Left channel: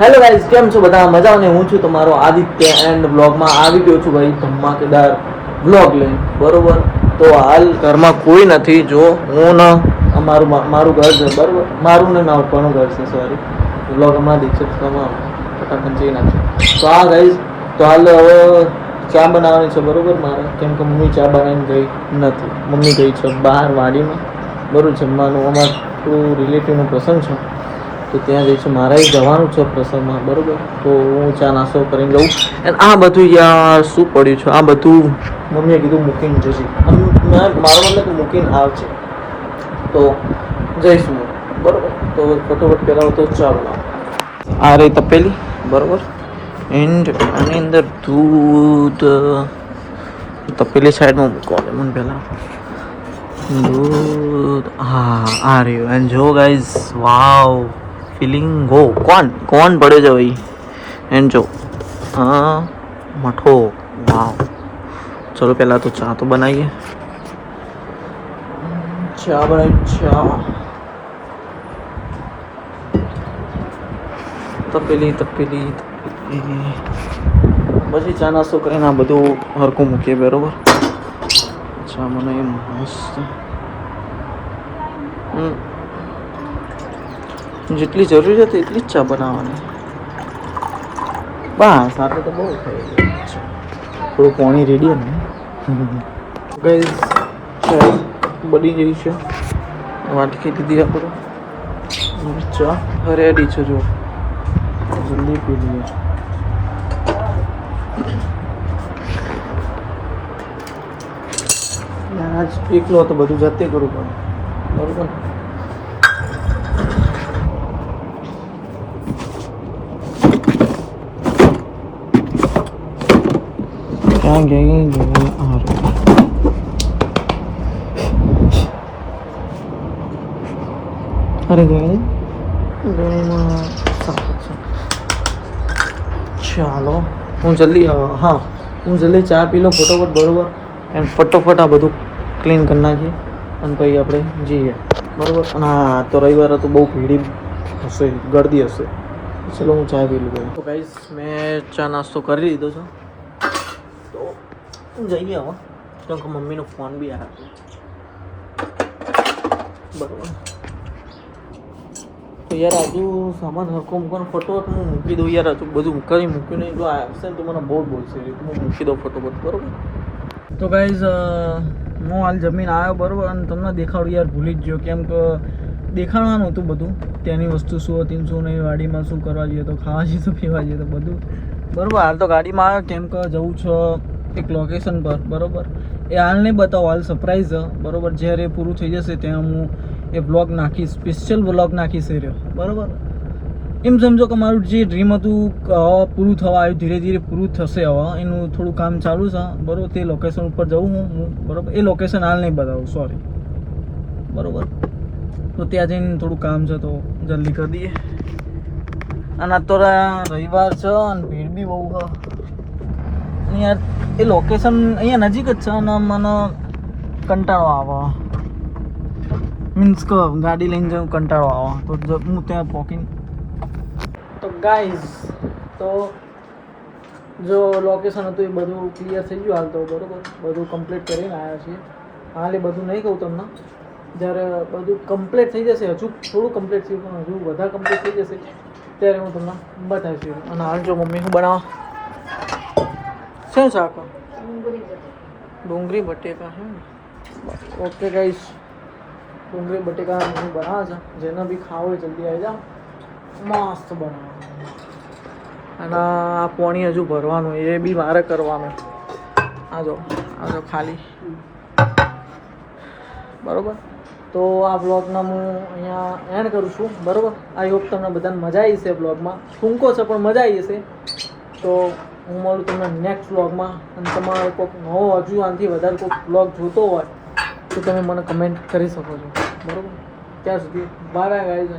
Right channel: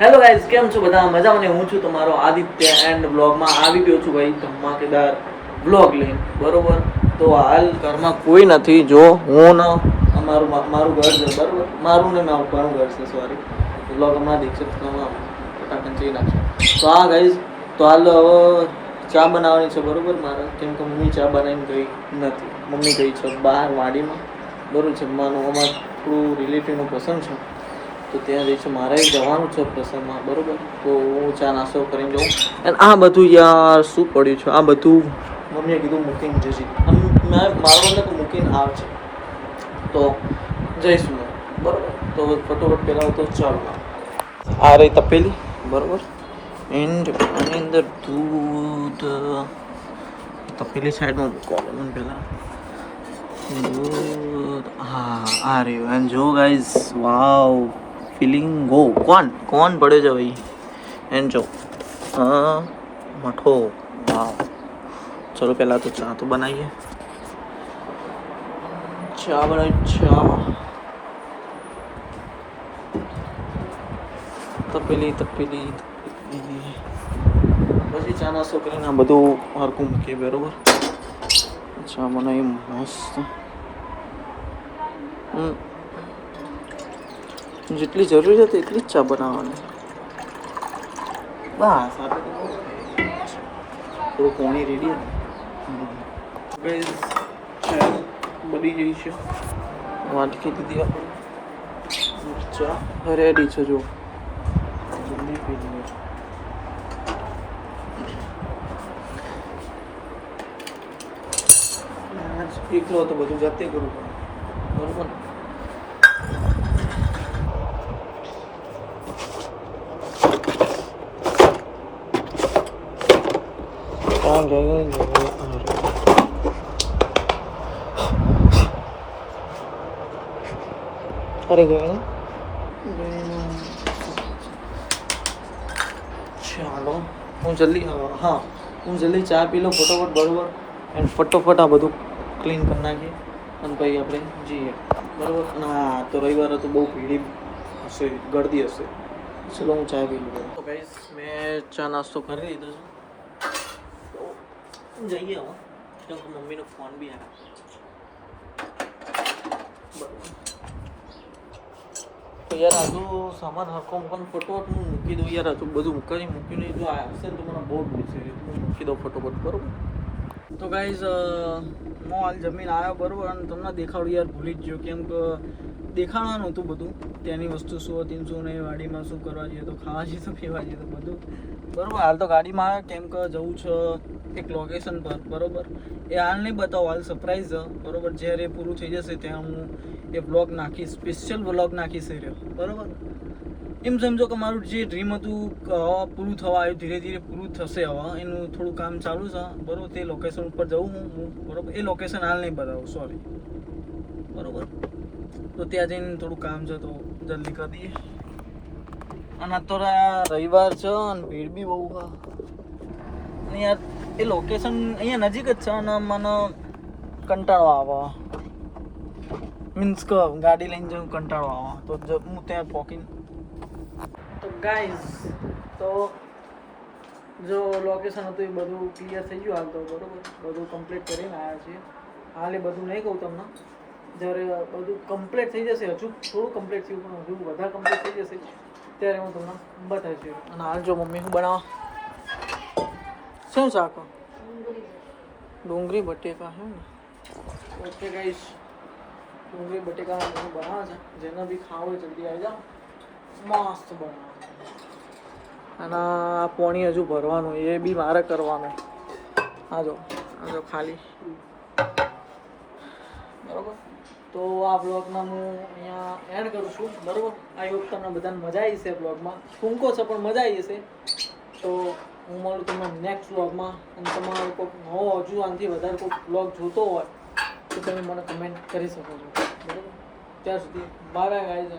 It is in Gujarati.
હેલો ગાઈઝ, કેમ છો બધા? મજામાં ને? હું છું તમારો આદિત્ય એન્ડ બ્લોગમાં આવી ગયો છું ભાઈ ધમાકેદાર બ્લોગ લઈને. બરોબર, તો હાલ ઘરમાં કોઈ નથી. જો હું ને મારું ઘર છે, બરોબર, મારું ને ના ઉપરનું ઘર છે, સોરી. બ્લોગ હમણાં દેખશે ફટાફટ જઈ નાખશે. તો હા ગાઈઝ, તો હાલ હવે ચા બનાવવાની છે, બરોબર મારે, કેમ કે મમ્મી ચા બનાવીને ગઈ નથી. મમ્મી ગઈ છે બહાર વાડીમાં, બરોબર. જમવાનું અમારે થોડું રિલેટિવનો પ્રસંગ છે, તો ત્યાં જઈશું. મારે જવાનું છે પ્રસંગમાં, બરોબર. તો હું ચા નાસ્તો કરીને જઉં. અને આ બધું યાર શું પડ્યું છે, આ બધું મમ્મીએ કીધું મૂકીને જશે. મારો મતલબ કે મૂકીને આવશે, તો જઈશું, બરોબર. તો ફટોફટ પહેલાં તો ચાલો ના આ રહી તપેલી, બરોબર. એન્ડ આની અંદર દૂધ તપેલી સાઈડમાં મૂકવાનું મને પહેલાં. દૂધ, હા આ રહ્યું. એન્ડ જો ગાઈઝ, વાવ, ફિલિંગ ગો. કોણ પડે છે ભાઈ? એન્ડ જો મઠો, વાવ. ચલો પહેલાં તો ચા તો બનાવીએ. ચા તપેલી પછી ચા નાસ્તો કરીને આ બધું હરખું મૂકીએ, બરોબર. ચા મને મસ્ત જેટલી જરૂરી હતી એટલી જ ચા બનાવવાની. બસ સાથે તો બહુ થઈ ગયું. થોડું પાણી રેડી ને ગાઈઝ, ચા બની ગઈ છે. વાટકી લીધી આપણે, ચા રેડી છે. જો જલ્દી પી લઈએ. આજ એકલો તો બધું જાતે કરવું પડે, બરોબર. ચાલો હું જલ્દી ચા પી લો ફટોફટ, બરોબર. એમ ફટોફટ આ બધું ક્લીન કરી નાખીએ અને પછી આપણે જઈએ, બરોબર. અને હા, તો રવિવારે તો બહુ ભીડી હશે, ગરદી હશે. ચલો હું ચા પી લઉં. તો ગાઈસ, મેં ચા નાસ્તો કરી લીધો છે, તો જઈએ હવે, કેમ કે મમ્મીનો ફોન બી આવ્યો, બરોબર. યાર હજુ સામાન હરખો મૂકવાનો, ફટોફટ હું મૂકી દઉં યાર. હજુ બધું મૂક્યું નહીં. જો આવશે ને તો મને બહુ બોલશે, હું મૂકી દઉં ફટોફટ, બરોબર. તો ગાઈઝ, હું હાલ જમીન આવ્યો, બરોબર. અને તમને દેખાડું યાર, ભૂલી જ ગયો, કેમ કે દેખાડવાનું હતું બધું, ત્યાંની વસ્તુ શું હતી, શું નહીં, વાડીમાં શું કરવા જઈએ, તો ખાવા જઈએ, તો પીવા જઈએ, તો બધું, બરોબર. હાલ તો ગાડીમાં આવ્યો, કેમ કે જવું છે એક લોકેશન પર, બરોબર. એ હાલ નહીં બતાવો, હાલ સરપ્રાઈઝ છે, બરોબર. જ્યારે એ પૂરું થઈ જશે ત્યાં હું એ વ્લોગ નાખીશ, સ્પેશિયલ વ્લોગ નાખીશ એ રહ્યો, બરોબર. એમ સમજો કે મારું જે ડ્રીમ હતું પૂરું થવા આવ્યું, ધીરે ધીરે પૂરું થશે. હવે એનું થોડું કામ ચાલુ છે, બરોબર. તે લોકેશન ઉપર જવું હું, બરોબર. એ લોકેશન હાલ નહીં બતાવું, સોરી, બરોબર. તો ત્યાં જઈને થોડું કામ છે, તો જલ્દી કરી દઈએ. અને આ તો રવિવાર છે અને ભીડ બી બહુ છે. અને યાર એ લોકેશન અહીંયા નજીક જ છે અને મને કંટાળો આવે, મીન્સ કે ગાડી લઈને જવું કંટાળો આવે, તો હું ત્યાં પહોંચીને. તો ગાઈઝ, તો જો લોકેશન હતું એ બધું ક્લિયર થઈ ગયું હાલ તો, બરોબર. બધું કમ્પ્લીટ કરીને આવ્યા છીએ. હાલ એ બધું નહીં કહું તમને, જ્યારે બધું કમ્પ્લીટ થઈ જશે. હજુ થોડું કમ્પ્લીટ થયું, પણ હજુ વધારે કમ્પ્લીટ થઈ જશે ત્યારે હું તમને બતાવીશ. અને હાલ જો મમ્મી શું બનાવવા, શું શાક? ડુંગળી બટેકા. ઓકે ગાઈઝ, ડુંગળી બટેકા મમ્મી બનાવે છે. જેને બી ખાવું હોય જલ્દી આવી જાઓ, મસ્ત બનાવે. અને આ પાણી હજુ ભરવાનું, એ બી મારે કરવાનું. આ જો ખાલી, બરોબર. તો આ બ્લોગના હું અહીંયા એન્ડ કરું છું, બરોબર. આઈ હોપ તમને બધાને મજા આવી હશે. બ્લોગમાં ટૂંકો છે પણ મજા આવી હશે. તો હું મળું તમને નેક્સ્ટ બ્લોગમાં. અને તમારે કોઈક નવો હજુ આનાથી વધારે કોઈક બ્લોગ જોતો હોય તો તમે મને કમેન્ટ કરી શકો છો, બરોબર. ત્યાં સુધી બાય બાય ગાઈઝ.